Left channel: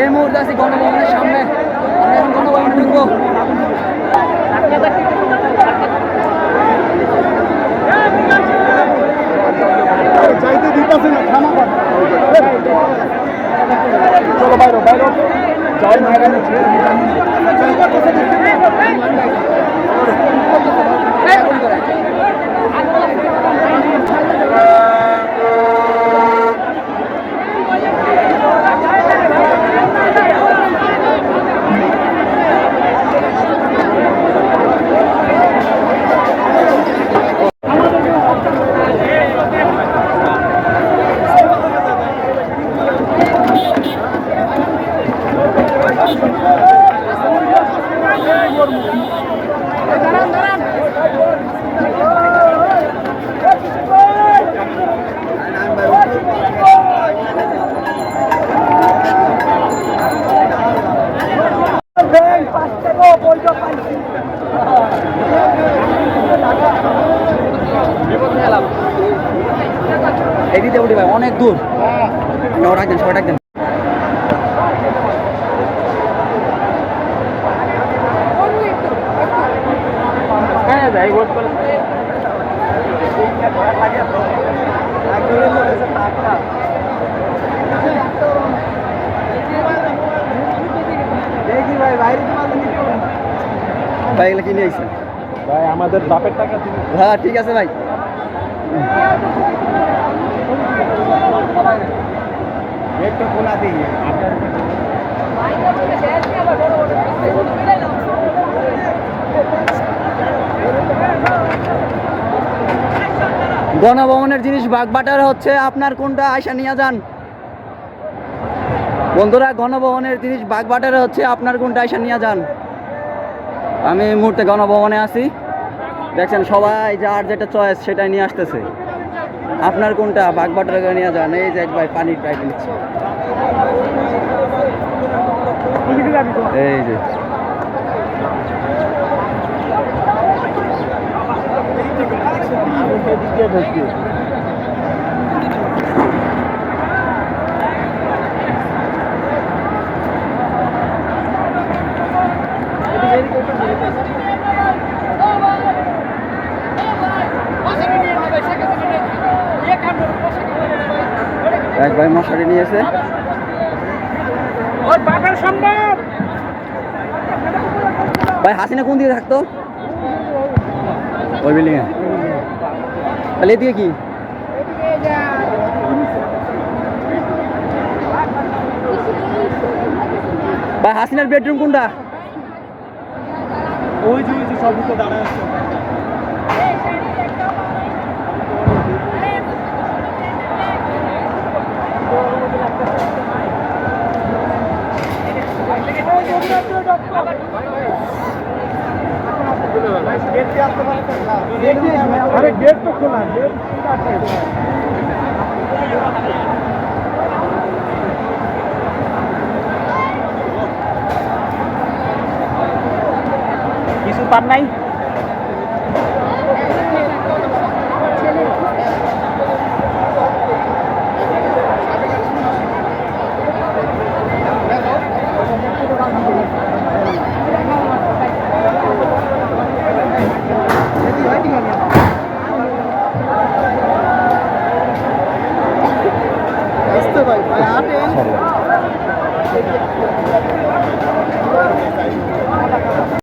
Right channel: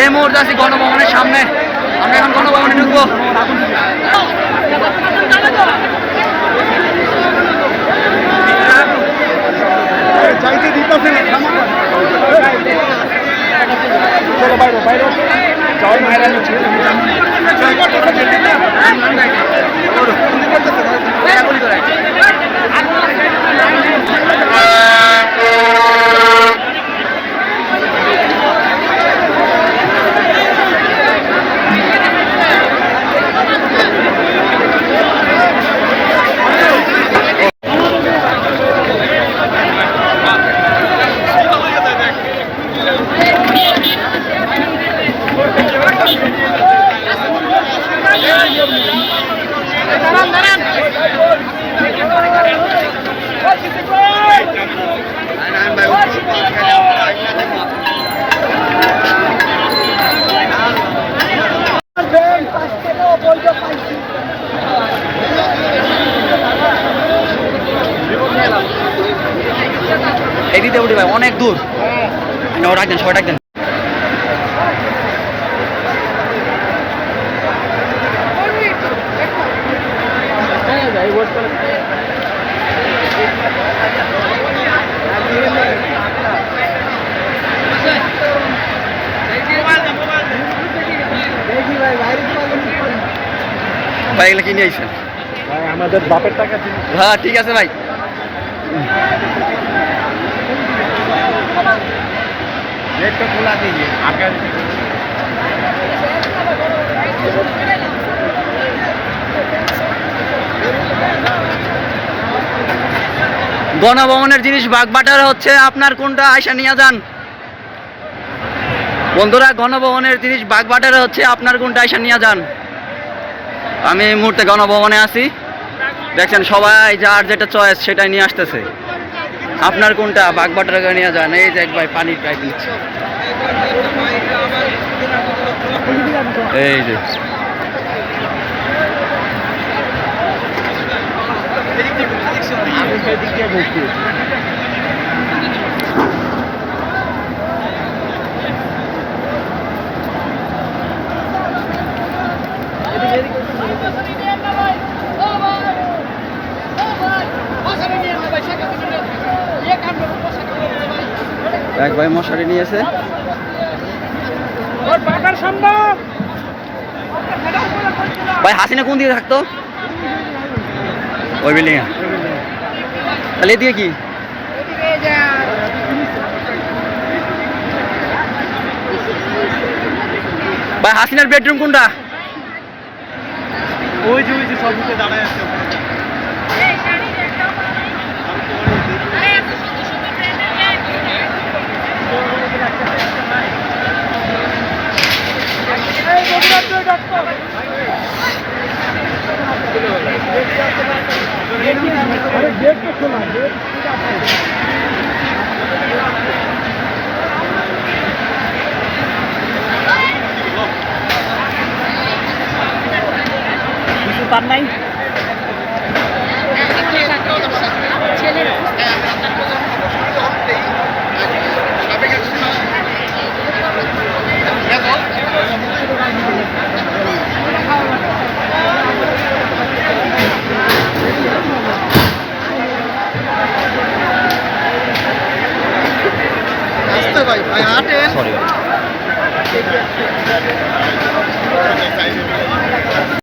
এই মুহূর্তে আছি গণভবনের সামনে। আমরা এখন গণভবনে ঢুকবো। যাইতে দিতেছে না থামা চলো বাইরো বাইরো। যাও বাইরে এদিকে উঠে ভাই অনেক দূর। আচ্ছা, দেন সবাই ডাক ভাই এগুলো কিনে আইসেন। ভাই আমাদের বাপের টাকা হ্যাঁ ঠিক আছে ভাই। রেটটা খোলা দিয়ে আগে গণভবনের জিনিস বাগবাটার হচ্ছে আপনার কোনটা? আয়সা নিয়ে যান। বন্ধুরা, গণভবনের জিনিস বাগবাটার হচ্ছে, আপনার কোনটা আয়সা নিয়ে যান। আমি এই মুহূর্তে গণভবনে আছি। দেখছেন, সবাই যার যেটা চয়েস সেটাই নিয়ে আসতেছে। আপনার কোনটা বাগবাটার নিয়ে যান। এই যে এক ভাই পানির পাইপ নিচ্ছে। এই যে। এক ভাই মশারি নিয়েছে। ওর বাপের সম্ভব ভাই হাসিনা কোন দিকে থাকতো? ওই বিল্ডিং তাহলে এদিকে কি? ভাই হাসিনার বেডরুম কোনটা? ওই যে ওই যে সবুজে দাঁড়ায় আছে nhưng mà nếu chúng ta phải đi sưu tắm ngay Hãy subscribe cho kênh Ghiền Mì Gõ Để không bỏ lỡ những video hấp dẫn হাঁটতে ভাই ভাই হাঁটেন। সরি